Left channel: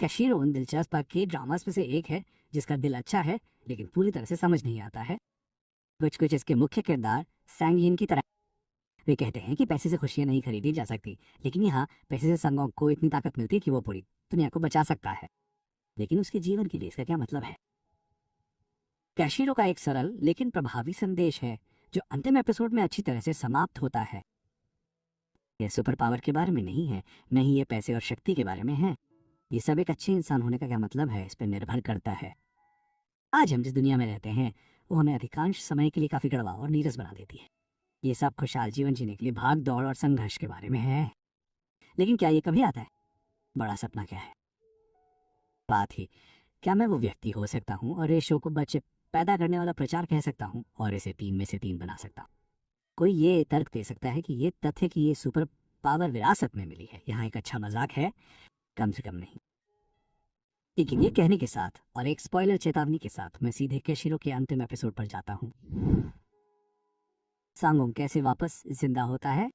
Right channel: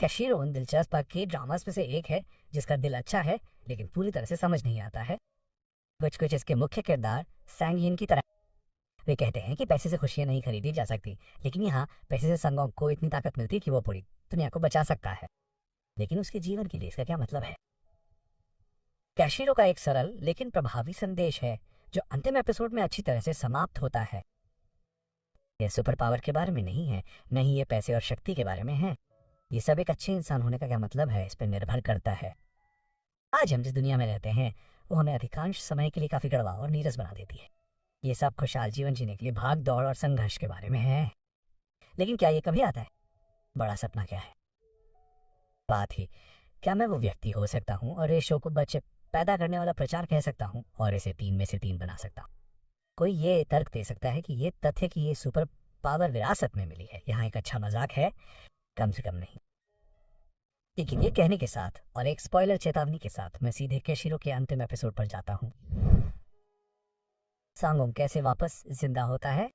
कैशिरो उन दिलचस्प के ड्रामास में से एक है जिसका दिल अच्छा है लेकिन पूरी तरह से समझ नहीं आता है। कुछ कुछ इसके मुख्य किरदार सैंग की तरह। वे कहते हैं कि पैसे से खुशियां नहीं खरीदी जा सकती, लेकिन यहाँ पैसे से संगोंग को इतनी ताकत मिलती है कि वो पूरी दुनिया को बचा सकता है। लेकिन उसके जीवन के लिए इसका क्या मतलब है? कैशिरो का एक सरल लेकिन प्रभावी संदेश है जो अंतिम एपिसोड में अच्छी तरह से समाप्त होता है। यह सुपर पावर के बारे में नहीं है, नहीं ये पैसे और शक्ति के बारे में है। ये सब एक अच्छे इंसान होने का क्या मतलब है, इस पर निर्भर करता है। आज हम जिस दुनिया में रहते हैं वो हमें अधिकांश समय के लिए काफी कड़वा और नीरस बना देती है। ये सब खुशहाल जीवन जीने के लिए भाग दौड़ और संघर्ष के बारे में है। लेकिन क्या ये कभी आता है? बड़ा सपना क्या है? बात ही क्या मैं वो व्यक्ति हो सकता हूँ और इस शो को बच्चे पैदा करने वाला प्रचार कह सकता हूँ और इसे 3 में से 3 बना सकता हूँ। कोई ये तर्क दे सकता है कि ये तथ्य कि ये सुपर पावर विरासत में मिली है यहाँ एक अच्छा मजाक है? कम से कम नहीं। लेकिन ये कहने के साथ और एक स्पॉइलर चेतावनी के साथ मैं सीधे कैशिरो के अंतिम एपिसोड पर जाता हूँ। सांगोंग कैसे वापस जिंदा होता है?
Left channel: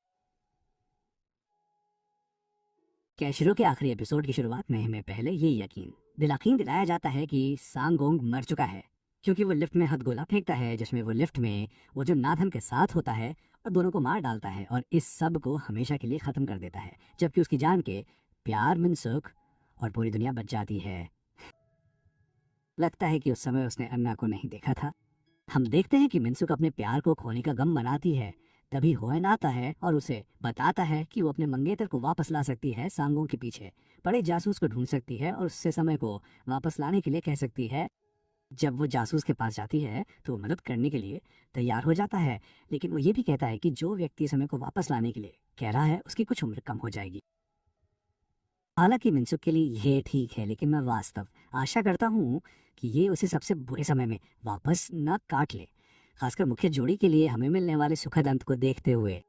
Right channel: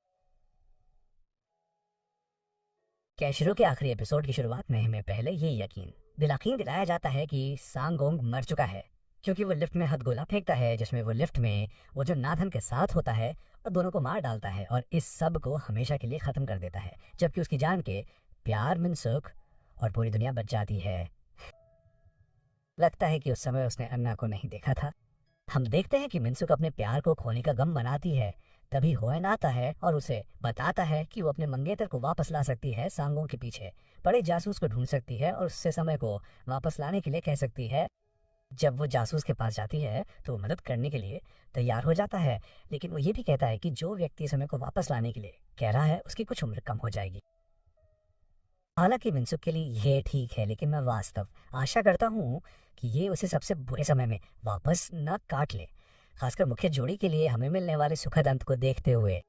कैशिरो के आखिरी एपिसोड की शुरुआत में हमें पहले ये यकीन दिलाया जाता है कि सांगोंग मर चुका है क्योंकि वो लिफ्ट में हथगोला फेंकता है जिसमें वो लिफ्ट में वो जो नाथन के साथ होता है और दोनों को मार डालता है और इस सब को हमेशा के लिए खत्म कर देता है, जबकि उसकी जान के प्यार मिनसुक और पूरी दुनिया बच जाती है। लगता है कि उस समय उसने अन्ना को नहीं देखा था। हम देखते हैं कि मिनसुक अपने प्यार को खोने का गम मनाती है। तभी होएन आता है और उसे बताता है कि वो अपने मंगेतर को वापस ला सकती है, सांगों के पीछे पड़े जासूस को ढूंढ सकती है और उससे समय को वापस लाने के लिए कह सकती है। जब वो जासूस के पास जाती है तो वो मदद करने के लिए तैयार हो जाता है, लेकिन वो ये भी कहता है कि जो व्यक्ति समय को वापस लाने के लिए कह रहा है उसकी कुछ उम्र कम हो जाएगी। हालांकि मिनसुक के लिए ये ठीक है, लेकिन मैं वास्तव आशा करता हूँ कि ये उसे सबसे बुरे समय में वापस न काट ले, खासकर मुख्य जोड़ी के लिए हमें मिलने वाले सुखद अंत को देखते हुए।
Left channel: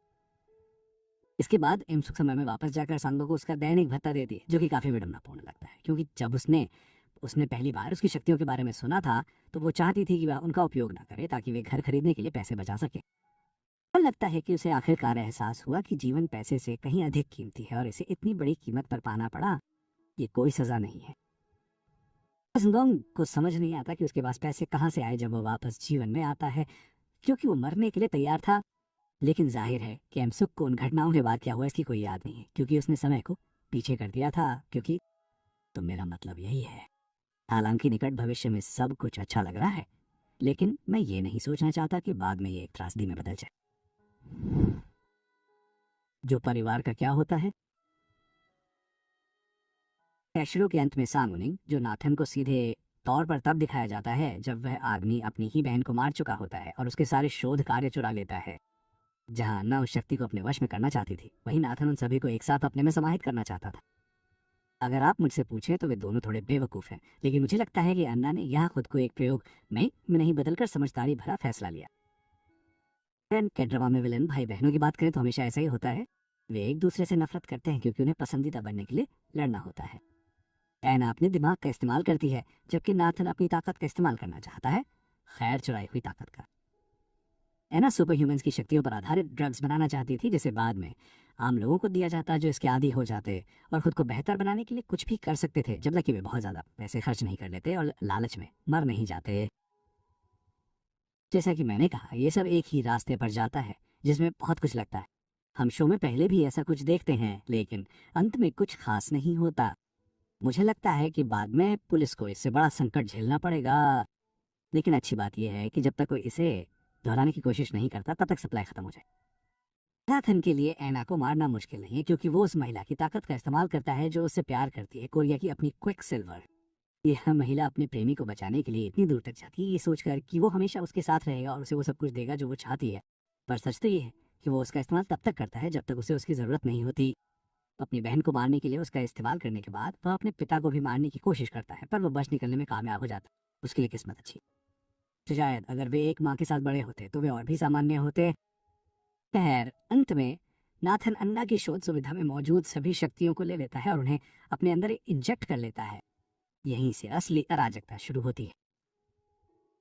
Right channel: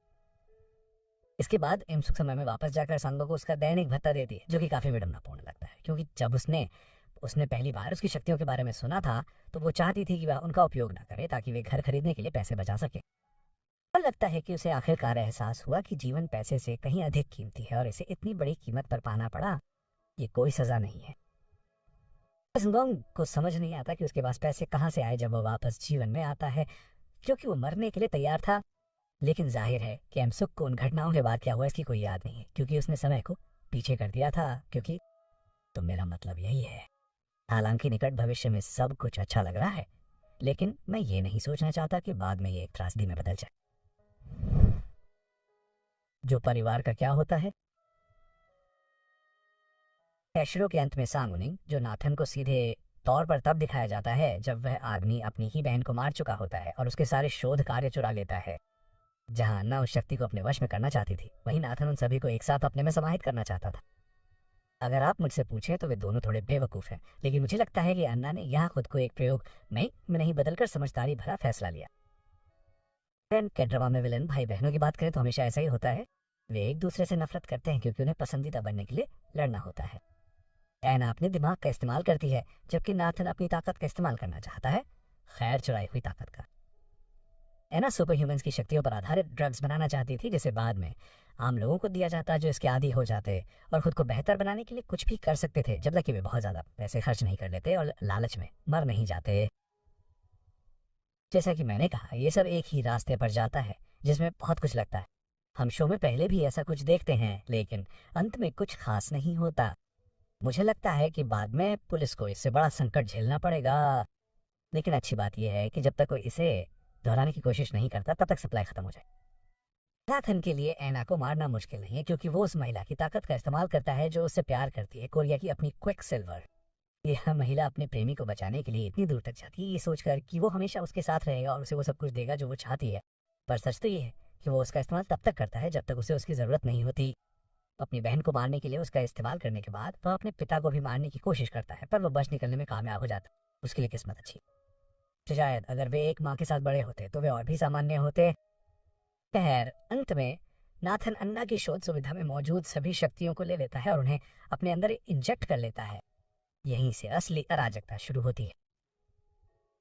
इसके बाद इमसुक समय में वापस जाकर सांगो को उसका दैनिक भत्ता देती है, जो कि काफी विडम्बनापूर्ण लगता है क्योंकि जब उसने उसने पहली बार उसकी शक्तियों के बारे में सुना था तो वो चाहती थी कि वह उनका उपयोग ना करे ताकि वे घर खरीदने के लिए पैसे बचा सके। और लगता है कि उसे आखिरकार एहसास हुआ कि जीवन पैसे से कहीं अधिक कीमती है और इसे इतनी बड़ी कीमत पर पाना पड़ा। ये कोई सजा नहीं है। संगोंग को समझ नहीं आता कि उसके पास पैसे कहाँ से आए जब वो वापस जीवन में आता है, क्योंकि वो मरने के लिए तैयार था। लेकिन जाहिर है कि एमसुक को उन घटनाओं के बाद क्या हुआ इसकी कोई याद नहीं है क्योंकि उसने समय को पीछे कर दिया था। क्योंकि तो मेरा मतलब यही है। हालांकि निकट भविष्य में सब कुछ अच्छा लग रहा है, लेकिन मैं ये नहीं सोचना चाहता कि बाद में ये एक त्रासदी में बदल जाए। जो परिवार का क्या होता है? कैशिरो के अंत में सांगुनिंग, जो नाथन को सीधे तौर पर तब दिखाया जाता है जब वह आदमी अपनी ही बहन को मार चुका होता है और उसके सारे शोध कार्य चुरा लेता है। जहां अन्ना उस शक्ति को अपने वश में करना चाहती थी, वहीं नाथन उन सभी को एक साथ अपने में समाहित करना चाहता था। अगर आप मुझसे पूछें तो वे दोनों थोड़े बेवकूफ़ हैं, लेकिन मुझे लगता है कि अन्ना ने यहाँ खुद को एक प्रयोग में नहीं बदलकर समझदारी भरा फैसला लिया। के ड्रामा में विलन भाई बहनों की बात करें तो हमेशा ऐसा ही होता है। वे एक दूसरे से नफरत करते हैं क्योंकि उन्हें पसंदीदा बनने के लिए लड़ना होता है। एना अपने दिमाग का इस्तेमाल करती है जबकि नाथन अपनी ताकत का इस्तेमाल करना चाहता है, खैर चुराई हुई ताकत का। एना सुपर ह्यूमंस की शक्तियों पर आधारित ड्रग्स बनाना चाहती थी जिसे बाद में आम लोगों को दिया जाता जो इसके आदी हो जाते और खुद को बेहतर बनाने के लिए कुछ भी कर सकते थे, जब तक कि वे बहुत ज़्यादा पैसे खर्च नहीं कर लेते और लालच में मर नहीं जाते। जैसा कि मैंने कहा, ये सब एक ही रास्ते पर जाता है जिसमें बहुत कुछ लगता है। हम शो में पहले भी ऐसा कुछ देखते हैं, लेकिन अंत में कुछ खास नहीं होता। मुझे लगता है कि बाद में पुलिस को इससे बड़ा संकट झेलना पड़ेगा, लेकिन अच्छी बात यह है कि जब तक कोई इसे दोहराने की कोशिश नहीं करता तब तक सप्लाई खत्म हो जाए। नाथन के लिए एना को मारना मुश्किल नहीं है क्योंकि वो उस महिला की ताकत का इस्तेमाल करता है जो उससे प्यार करती है, कोरिया की अपनी क्विक सिल्वर। यह महिला अपने प्रेमी को बचाने के लिए इतनी दूर तक जाती है ये सोचकर कि वो हमेशा उसके साथ रहेगा और उसे वो सब कुछ देगा जो वो चाहती है। पर सच तो ये है कि वो उसका इस्तेमाल तब तक करता है जब तक उसे उसकी ज़रूरत नहीं होती। अपनी बहन को मारने के लिए उसका इस्तेमाल करने के बाद वह अपने पिता को भी मारने की कोशिश करता है, पर वो बच निकलने में कामयाब हो जाता है। उसके लिए किस्मत अच्छी। तो शायद अगर वे एक माँ के साथ बड़े होते तो वे और भी सामान्य होते। खैर, अंत में नाथन अन्ना की शोध सुविधा में मौजूद सभी शक्तियों को ले लेता है और उन्हें अपने अंदर इंजेक्ट कर लेता है। यहीं से असली अराजकता शुरू होती है।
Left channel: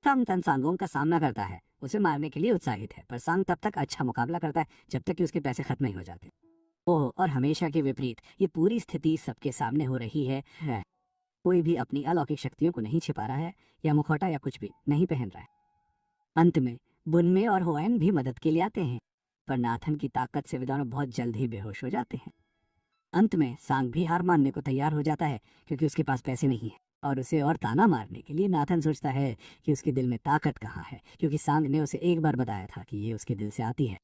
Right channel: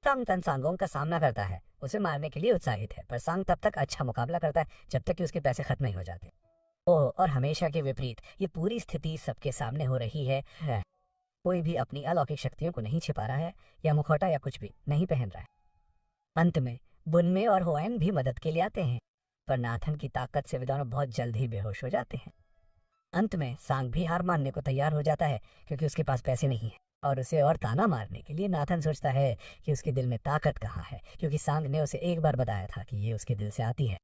सांग तन सांगोंग का सामना करता है, उसे मारने के लिए उत्साहित है, पर सांग तब तक अच्छा मुकाबला करता है जब तक कि उसके पैसे खत्म नहीं हो जाते। ओह, और हमेशा के विपरीत ये पूरी स्थिति सबके सामने हो रही है। कोई भी अपनी अलौकिक शक्तियों को नहीं छिपा रहा है या मुखौटा या कुछ भी नहीं पहन रहा है। अंत में बुनमे और होएन भी मदद के लिए आते हैं, पर नाथन की ताकत से वे दोनों बहुत जल्द ही बेहोश हो जाते हैं। अंत में सांग भी हार मानने को तैयार हो जाता है क्योंकि उसके पास पैसे नहीं है, और उसे और ताना मारने के लिए नाथन सोचता है कि उसके दिल में ताकत कहाँ है, क्योंकि सांग ने उसे एक बार बताया था कि ये उसके दिल से आती है।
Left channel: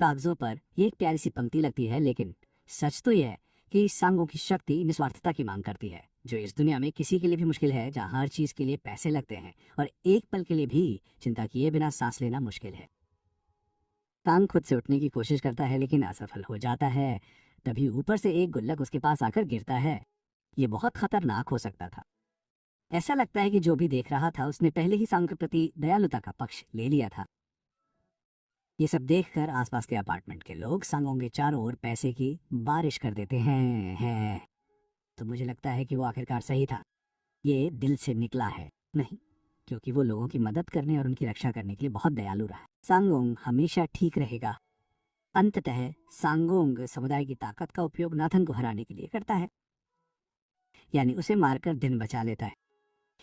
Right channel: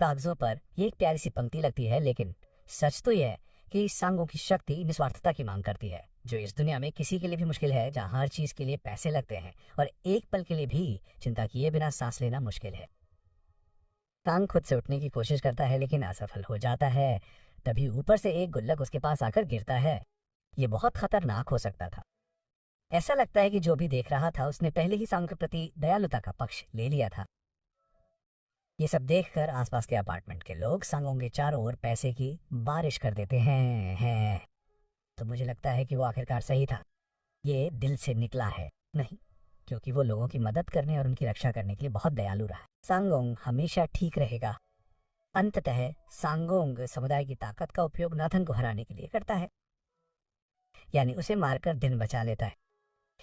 कागजों पर ये एक प्यारी सी पंक्ति लगती है, लेकिन सच तो यह है कि सांगों की शक्ति निस्वार्थता की मांग करती है, जो इस दुनिया में किसी के लिए भी मुश्किल है, जहाँ हर चीज के लिए पैसे लगते हैं और एक पल के लिए भी चिंता किए बिना सांस लेना मुश्किल है। सांग खुद से उठने की कोशिश करता है लेकिन असफल हो जाता है। तभी ऊपर से एक गुल्लक उसके पास आकर गिरता है। ये बहुत खतरनाक हो सकता था। ऐसा लगता है कि जो भी देख रहा था उसने पहले ही सांग के प्रति दयालुता का पक्ष ले लिया था। ये सब देखकर आसपास के अपार्टमेंट के लोग सांगों के चारों ओर पैसे की बारिश कर देते हैं। तो मुझे लगता है कि वो आखिरकार सही था। ये दिल से निकला है, नहीं, क्योंकि वो लोगों की मदद करने और उनकी रक्षा करने के लिए बहुत दयालु रहा। सांगोंग हमेशा ठीक रहेगा। अंततः सांगोंग समुदाय की ताकत का उपयोग नाथन को हराने के लिए करता है, यानी उसे मारकर दिन बचा लेता है।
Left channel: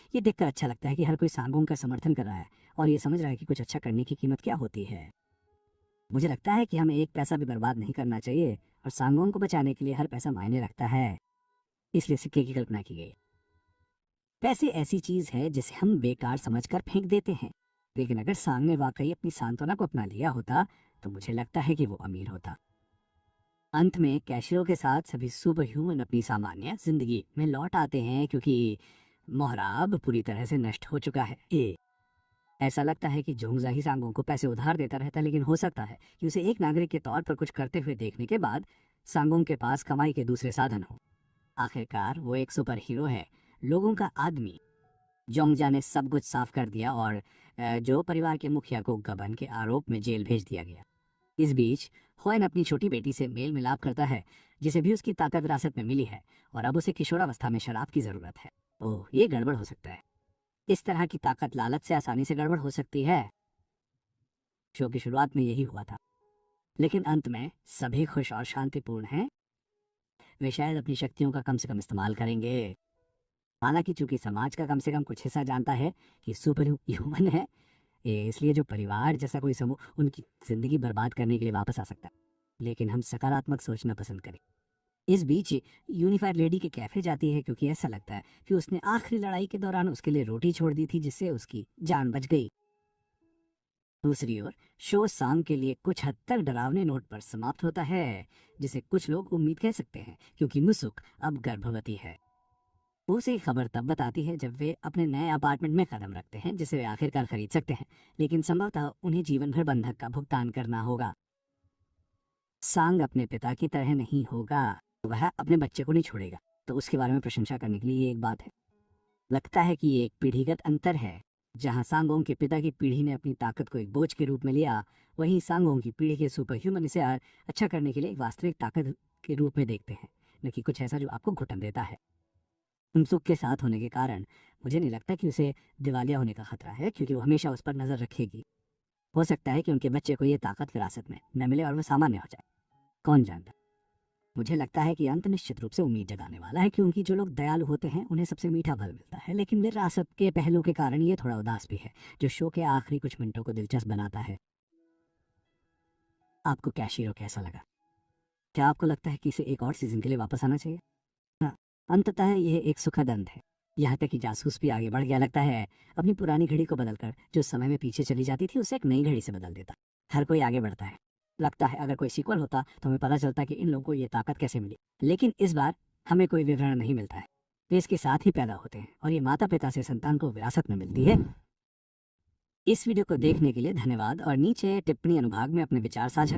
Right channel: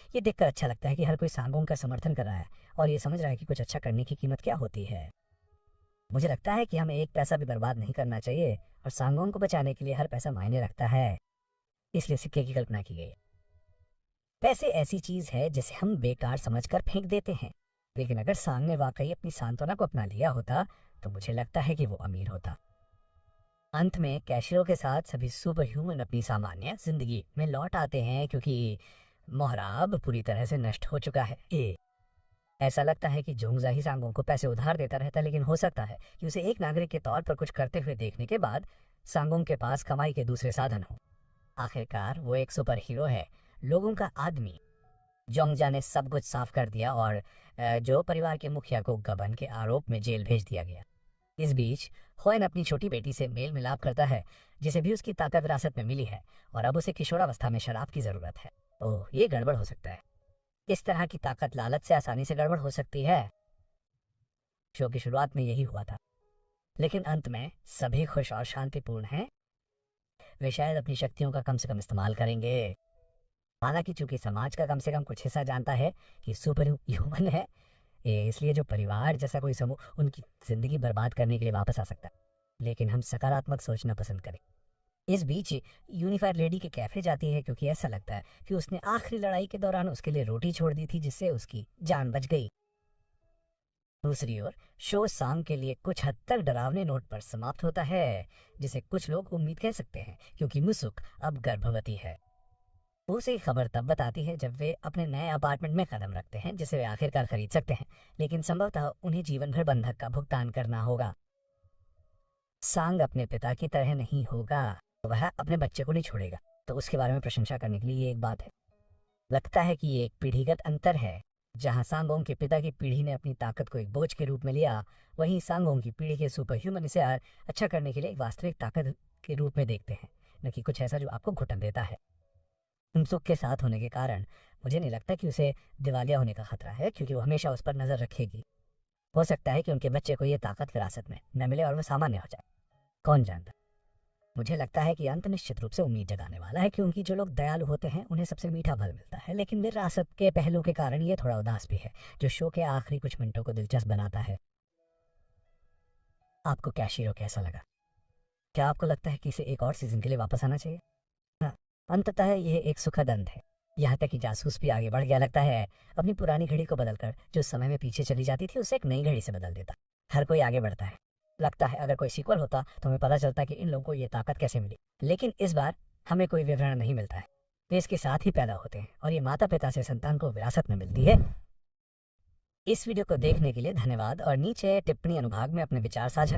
ये देखकर अच्छा लगता है कि हर कोई सांगोंग का समर्थन कर रहा है और ये समझ रहा है कि कुछ अच्छा करने की कीमत क्या होती है। मुझे लगता है कि हमें एक पैसा भी बर्बाद नहीं करना चाहिए और सांगोंग को बचाने के लिए हर पैसा मायने रखता है, इसलिए सिक्के की कल्पना की गई। पैसे ऐसी चीज है जिसे हम बेकार समझकर फेंक देते हैं, लेकिन अगर सांग ने वाकई अपनी सांत्वना को अपना लिया होता तो मुझे लगता है कि वो अमीर होता। अंत में कैशिरो के साथ सभी सुपर ह्यूमन अपनी सामान्य जिंदगी में लौट आते हैं क्योंकि मोहरा अब पूरी तरह से नष्ट हो चुका है। ऐसा लगता है कि जोंगजा ही सांगों को पैसे उधार देता रहता, लेकिन हो सकता है कि उसे एक नागरिक के तौर पर कुछ करते हुए देखने के बाद सांगों के पास कमाई के दूसरे साधन हो। आखिरकार वो एक सुपर हीरो है, लोगों का आदमी। जोंगजा ने सब कुछ साफ कर दिया और जो परिवार के मुखिया को गबन के आरोप में जेल भेज दिया गया। इस बीच होएन अपनी छोटी बेटी से मेल मिलाप करता है, जिसे भी उसकी ताकत विरासत में मिली है, और अब उसे किशोरावस्था में शराब की जरूरत है। ओह, ये गड़बड़ हो सकता है। इस तरह की ताकत लालच से आसानी से गड़बड़ हो सकती है। शो की शुरुआत में यही हुआ था, लेकिन अंत में सभी खुश और शांतिपूर्ण हैं। वे शायद अपनी शक्तियों का कम से कम इस्तेमाल करेंगे। हालांकि चूंकि समाज का कम से कम कुछ हिस्सा जानता है कि सुपर ह्यूमन है, इसलिए जो परिवार जैसा कोई समूह उनकी जिंदगी बर्बाद करने के लिए वापस आ सकता है। लेकिन हम सकारात्मक सोचना पसंद करें। इस बीच यूनिफायर लेडी के कैफे जाती है क्योंकि ऐसा लगता है कि उसने आखिरी लड़ाई के दौरान उसके लिए रोटी छोड़ दी थी, जिससे उसकी जान बच गई। दूसरी ओर शो सांग के लिए कुछ हद तक डरावने नोट पर समाप्त होता है, जिसे कुछ लोग उम्मीद कह सकते हैं, क्योंकि मुसुक अब गर्भवती है। उसे खबर तब बताती है जब वे अपने नए अपार्टमेंट में कदम रखते हैं, जिसे वे आखिरकार खरीद सकते हैं, लेकिन संभवतः उन्हें जीवन भर बंधक का भुगतान करना होगा। सांग अपने पिता की तरह नहीं होगा, वह अपने बच्चे को नहीं छोड़ेगा, तो उसके बारे में प्रशंसा करने के लिए ये एक बात है। लगता है कि ये एक पीढ़ीगत अंतर है। जहां सांगोंग के पिता की पीढ़ी ने अपनी ताकत को एक बोझ के रूप में लिया, वहीं सांगोंग की पीढ़ी के सुपर ह्यूमन इसे अच्छा करने के लिए एक वास्तविक ताकत के रूप में देखते हैं, न कि कुछ ऐसा जो आपको घुटन देता है। सुख के साथ होने के कारण मुझे नहीं लगता कि उसे दिवालिया होने का खतरा है, क्योंकि वो हमेशा उस पर नजर रखेगी। हो सकता है कि उनके बच्चे को ये ताकत विरासत में न मिले और वो सामान्य हो जाए, कौन जानता। मुझे लगता है कि अंत निश्चित रूप से उम्मीद जगाने वाला है, क्योंकि जो लोग दयालु होते हैं उन्हें सबसे मीठा फल मिलता है, लेकिन विरासत के पहलू के कारण ये थोड़ा उदास भी है, जो शो के आखिरी कुछ मिनटों को दिलचस्प बनाता है। आपको कैशिरो कैसा लगा? क्या आपको लगता है कि इसे एक और सीजन के लिए वापस आना चाहिए? हाँ, अंततः यह एक सुखद अंत है। यहाँ तक कि जासूस भी आगे बढ़ गया, लगता है अपनी पुरानी घड़ी को बदलकर जो समय में पीछे चली जाती थी उसे एक नई घड़ी से बदल देता। हर कोई आगे बढ़ता है। लगता है अगर कोई सीक्वल होता तो हमें पता चलता कि इन लोगों को ये ताकत कैसे मिली, लेकिन इस बार हमें कोई विवरण नहीं मिलता है। वे इसके साथ ही पैदा होते हैं और ये माता पिता से संतान को विरासत में मिलती है। इस वीडियो को देखने के लिए धन्यवाद और नीचे टिप्पणी अनुभाग में अपने विचार साझा